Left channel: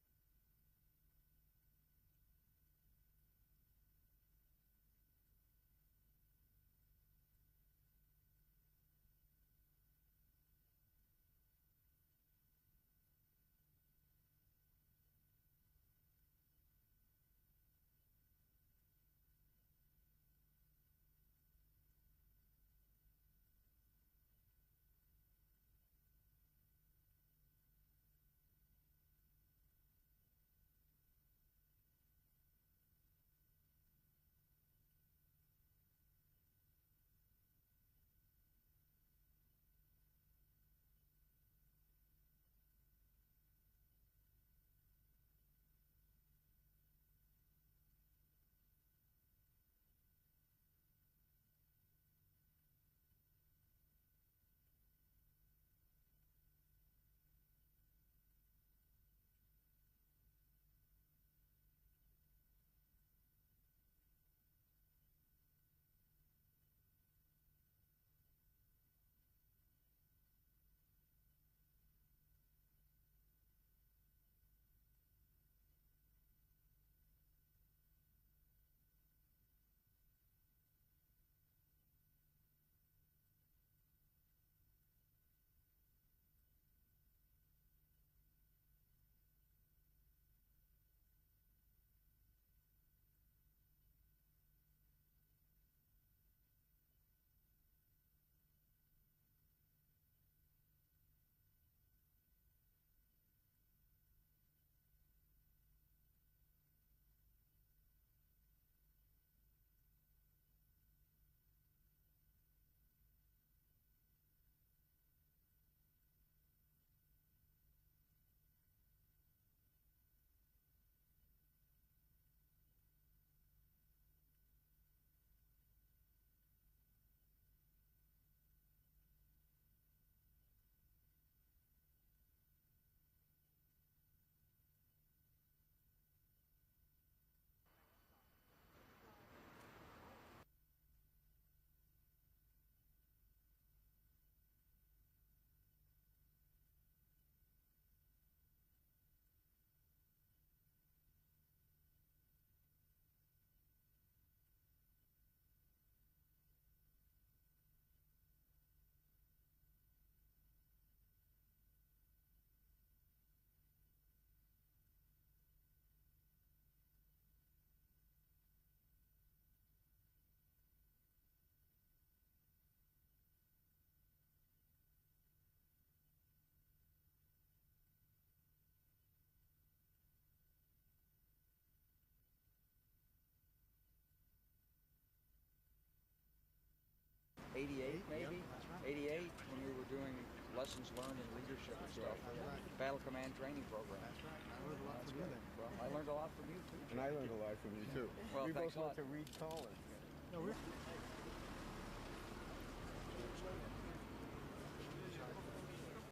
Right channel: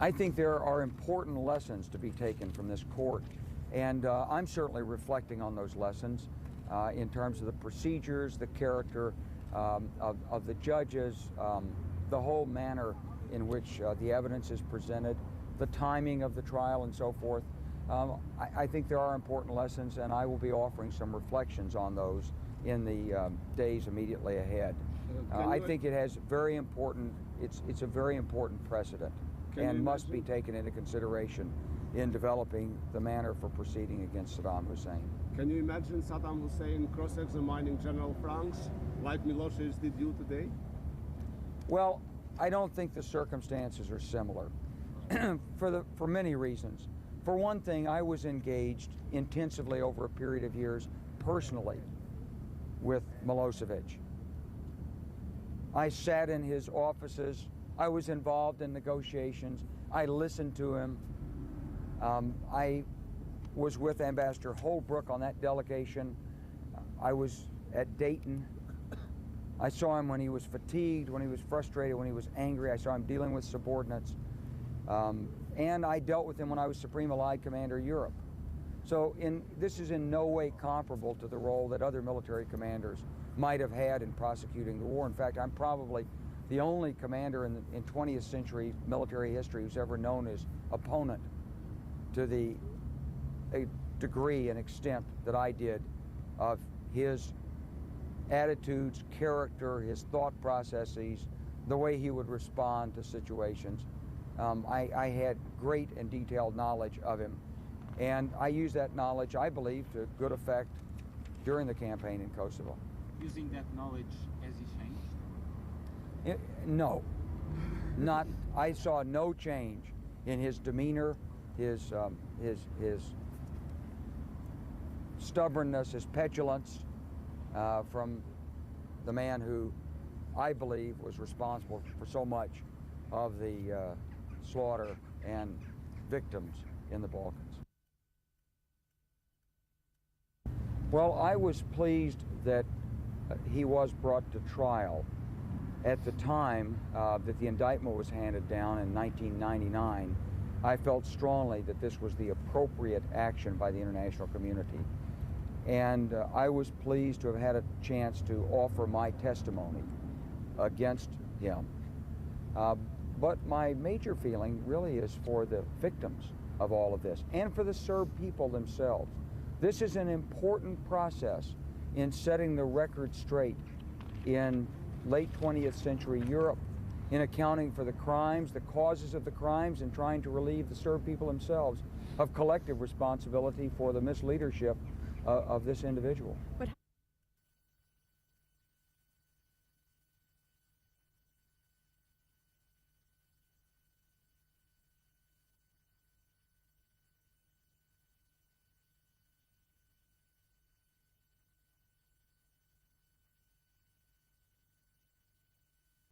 I think there are important lessons to be taken from this court, and I'm certainly reflecting on those lessons in terms of the procedures, the character of the judges, the whole manner in which the evidence is presented, the timing of the trial, and so forth. I think there are important lessons, and I will be offering some reflections on those in the days immediately ahead. I think it has very important, it's a very important precedent and must be taken into consideration in developing the manner for proceeding against Saddam Hussein. Can you imagine Saddam Hussein cross-examining General Franks like Milosevic did you today? Well, I don't think the circumstances are similar for many reasons. For one thing, I was engaged intensively over a period of years personally with Milosevic. I sat in his offices. I was involved in negotiations. I listened to him. I was with Ambassador Holbrooke on that delegation. I was at Dayton. I saw him when he was fatigued, when he was frustrated, when he was angry. I saw him dealing with subordinates. And I dealt with him when I was Supreme Allied Commander Europe. So this is in no way comparable to the role that other military commanders might have had in prosecuting the war. In fact, I'm probably the only commander in 20th century military history who's ever known his opponent to the degree and extent that I did of his attitudes, character, his thought processes, the way he would respond to situations. I had great and detailed knowledge of him, and I used that knowledge, I believe, to good effect during the campaign in Kosovo. Using that knowledge, has he changed? No, not. I saw no change in his demeanor, his stubbornness, his petulance from the man who I believe was responsible for so much of the slaughter and victims in the Balkans. Well, I was pleased that he was brought to trial. At the time that the indictment was handed down in 1999, I felt strongly that this was the appropriate action by the international community. And I was pleased to have had a chance to offer my testimony against him. But my major feeling really is for the victims of all of this and for the Serb people themselves. This is an important process in setting the record straight in late 20th century Europe, in accounting for the crimes, the causes of the crimes, and trying to relieve the Serb people themselves of collective responsibility for the misleadership of this individual. But 88 maybe? 88 when we were doing lessons learned in leadership and stuff. Battle Command Training Program. That's right. I learned a lot from you then. Well, I learned a lot from you too. And I learned a lot from you too. Well, we thanks both a went lot. to Reed College. No,